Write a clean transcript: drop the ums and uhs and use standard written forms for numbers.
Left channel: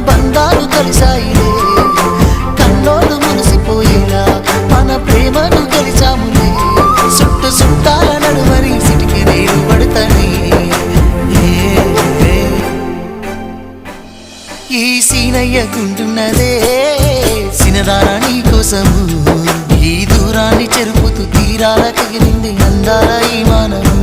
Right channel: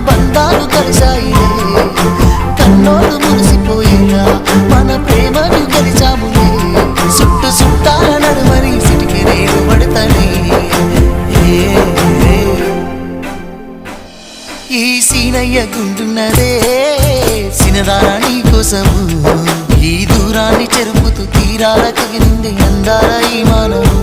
బంధాలు కలిసాయిలే కన్నోడు మురిసిపోయేలా మన ప్రేమను గెలిచాములే చుట్టు చుట్టాల నడుమని సిటికి నేను పడతానే ఈ సీనయ్య గుంటున్నదే సినదారా నీ కోసము ఈ దూరాన్ని చెరుపుతూ తీరాల కగిలింది అందాల ఈ మానవు